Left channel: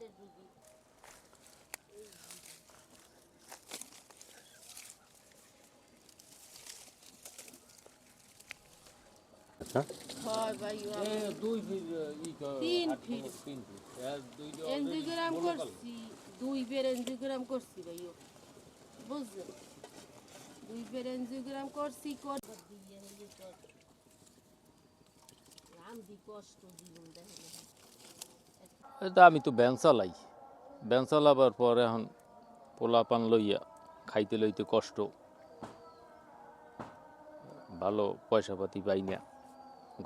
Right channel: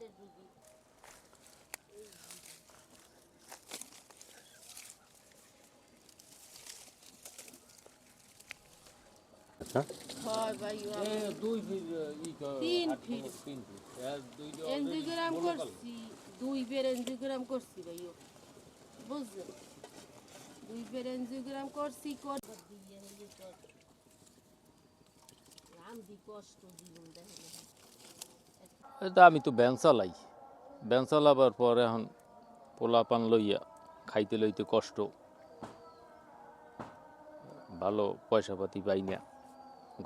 হাড়ের রুগী। আচ্ছা হয় ভাই এনজিওগ্রাম করছি 2 বের এনজিওগ্রাম করছি ভাই বুঝছেন 2 বের এনজিওগ্রাম করছি কষ্ট জীবন দেখেন এটা আমি তো ভ্যান চালাই ভ্যান চালাবার পর এখন পোলাপান লইয়া খাইতে লইতে কষ্ট ভালো পয়সা পাতি পাই না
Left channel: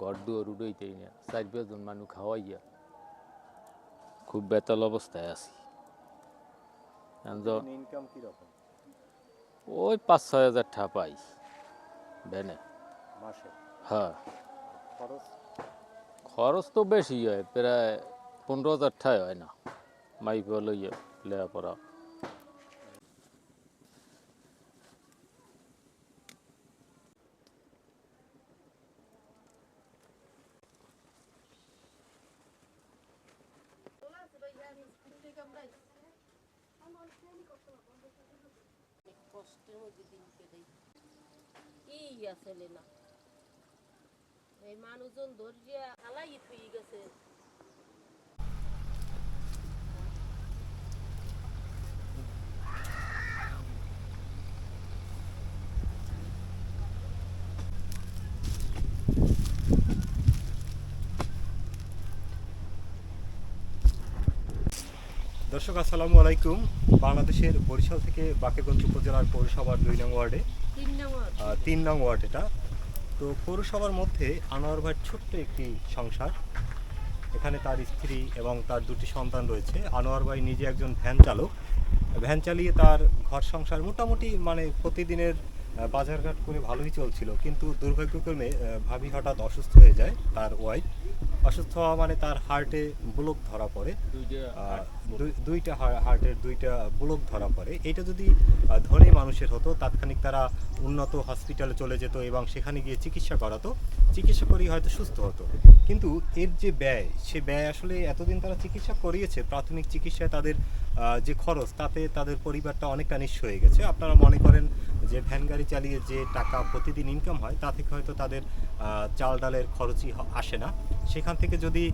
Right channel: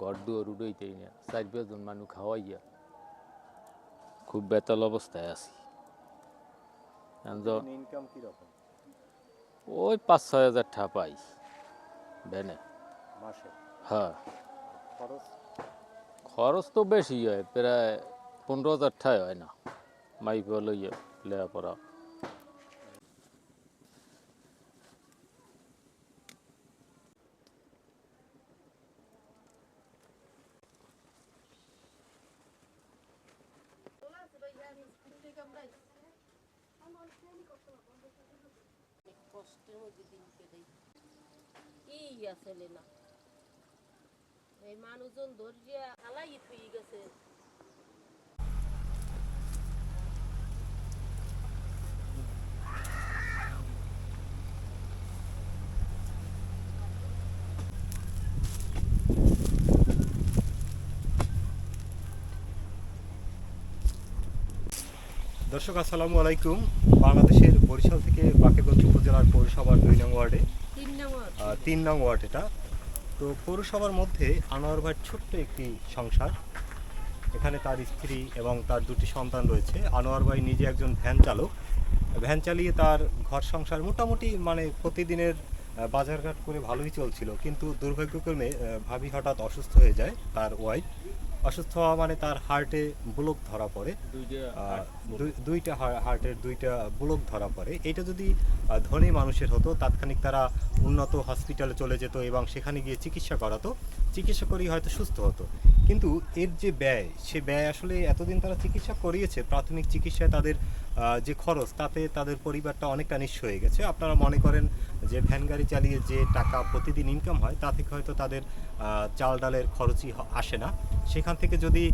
ঘর দুয়ার উড়াইতেই না 4-5 জন মানুষ খাওয়াইয়া খুব বেতাল অবস্থায় আছি ইনকাম কি রকম ওই 5-6 হাজার টাকা পাই ভ্যানে মাসে? হ্যাঁ খরচ খরচ তো বেশি হয় প্রায় 15,000 টাকা হয় না মাইপা লইয়া লেখাপড়া কষ্টের মধ্যে দিন কেটেই কি আসলে না এই মানুষজন ধরিয়া আলাই পেয়ে গেছে দর্শক আসসালামু আলাইকুম। বাংলাদেশের বরিশাল থেকে বাকেগঞ্জ উপজেলার পৌরসভার 2 নং ওয়ার্ডে 3 নং ওয়ার্ড এটা। তো পৌরসভার মধ্যে আনোয়ার ভাইয়ের ছোট্ট একটি সংসার, এখানে তার স্ত্রী এবং তার 2টি সন্তান রয়েছে। আনোয়ার ভাই নিজে একজন ভ্যান চালক, ভ্যান চালিয়ে তার ঘর সংসার মোটামুটি মানে প্রতিদিনের বাজারঘাট করে ভালোই চলছিল, কিন্তু দুর্ভাগ্যক্রমে ভাবি হঠাৎ অসুস্থ হয়ে যায়। তার ওয়াইফ অসুস্থ হওয়া মানে তার হার্টে ব্লক ধরা পড়ে, দুইটা হার্টের 2টা ব্লক ধরা পড়ে। এটা যদি ধনী মানুষের হতো তাৎক্ষণিক তারা উন্নত হসপিটালে চলে যেত এবং সেখানে গিয়ে চিকিৎসা করাতো, চিকিৎসা করেই হয়তো সুস্থ হতো। কিন্তু এর যে ব্যয়, সে ব্যয় আসলে এতদিন তারা চিকিৎসা করিয়েছে, প্রাথমিক চিকিৎসায় তাদের যে খরচ তাতে তাদের পরিবারটা অনেকটা নিঃস্ব হয়ে গেছে। আপনারা মনে করেন যে ভ্যান গাড়ি চালিয়ে যে টাকা প্রতিদিন ইনকাম হয় তা থেকে হয়তো তাদের চাল ডালের খরচই আসে না। সেখান থেকে যদি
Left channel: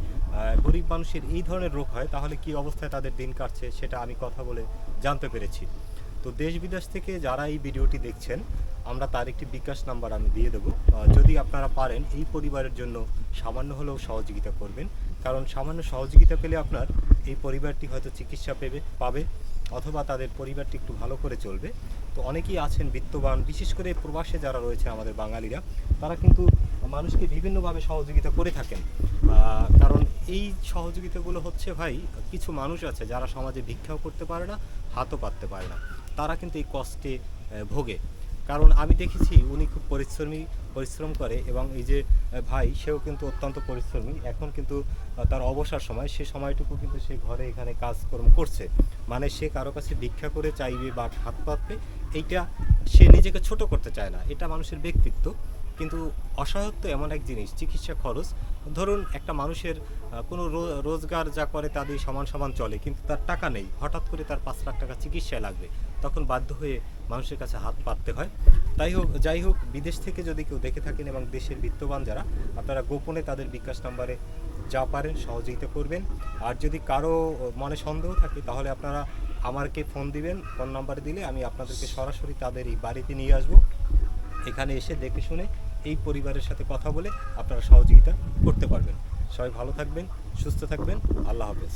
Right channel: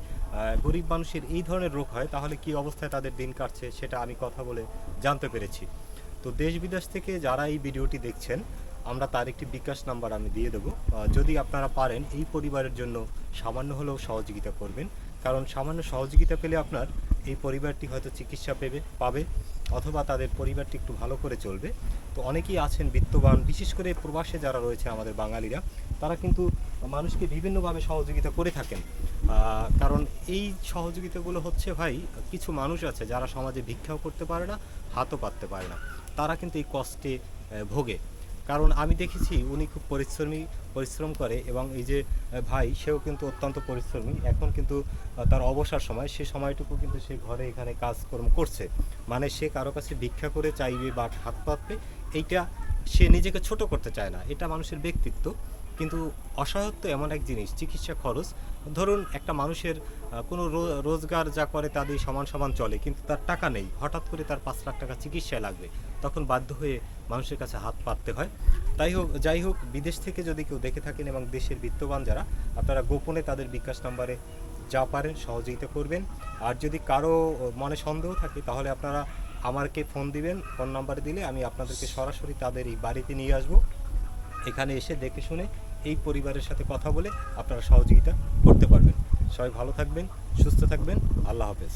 গরিব মানুষের এই ধরনের রোগ হয় তাহলে কি অবস্থায় তাদের দিন কাটছে সেটা আমি কথা বলে জানতে পেরেছি। তো দেশ বিদেশ থেকে যারা এই ভিডিওটি দেখছেন, আমরা তার একটি বিকাশ নাম্বার আমি দিয়ে দেবো। যদি আপনারা পারেন এই পরিবারের জন্য সামান্য হলেও সহযোগিতা করবেন, কারণ সামান্য সহযোগিতা পেলে আপনার এই পরিবারটি হয়তো চিকিৎসা পাবে অথবা তাদের পরিবারটি একটু ভালো করে চলবে। তো অনেকেই আছেন বিত্তবান, বিশেষ করে প্রবাসে যারা রয়েছে আমাদের বাঙালিরা, তারা কিন্তু মানুষকে বিভিন্নভাবে সহযোগিতা করে থাকেন। কারণ এই সহযোগিতাগুলো হচ্ছে ভাই, কিছু মানুষ আছে যারা সমাজে ভিক্ষাও করতে পারে না, হাতও পাততে পারে না, তারা কিন্তু এই কষ্টে ভোগে। কারণ আমি দেখেছি উনি খুব পরিশ্রম করে এবং এই যে ভাই সেও কিন্তু অত্যন্ত পরিশ্রমী। এখন কিন্তু তার অবসর সময়, সে সময়টুকু কিন্তু সে ঘরে এখানে কাজকর্ম করছে। মানে সে কারো কাছে ভিক্ষা করে চাইবে বা হাত পাতবে, এইটা সে নিজেকে ছোট করতে চায় না, এটা মানুষের ব্যক্তিত্ব। কিন্তু অসহায়ত্ব এমন এক জিনিস, চিকিৎসা খরচ, ধরুন একটা মানুষের কোনো রোজগার যা করে তাদের সমান চলে, কিন্তু তার টাকা নেই, হঠাৎ করে তার 5 লাখ টাকা চিকিৎসায় লাগবে, তখন বাধ্য হয়ে মানুষের কাছে হাত পাততে হয়। যাই হোক বিদেশ থেকে যদি কেউ দেখে থাকেন এবং দেশের বিত্তবান যারা, আপনারা গোপনে তাদের বিকাশ নাম্বারে যা পারেন সহযোগিতা করবেন। আর যদি কারো মনে সন্দেহ থাকে তাহলে আপনারা আমাকে ফোন দিবেন, ফোন নাম্বারে দিলে আমি আপনাদেরকে সরাসরি তাদের এই বাড়িতে নিয়ে আসবো। এখানে এসে দেখে শুনে এই পরিবারের সাথে কথা বলে আপনারা সহযোগিতা করতে পারবেন। সবাই ভালো থাকবেন, সুস্থ থাকবেন, আল্লাহ হাফেজ।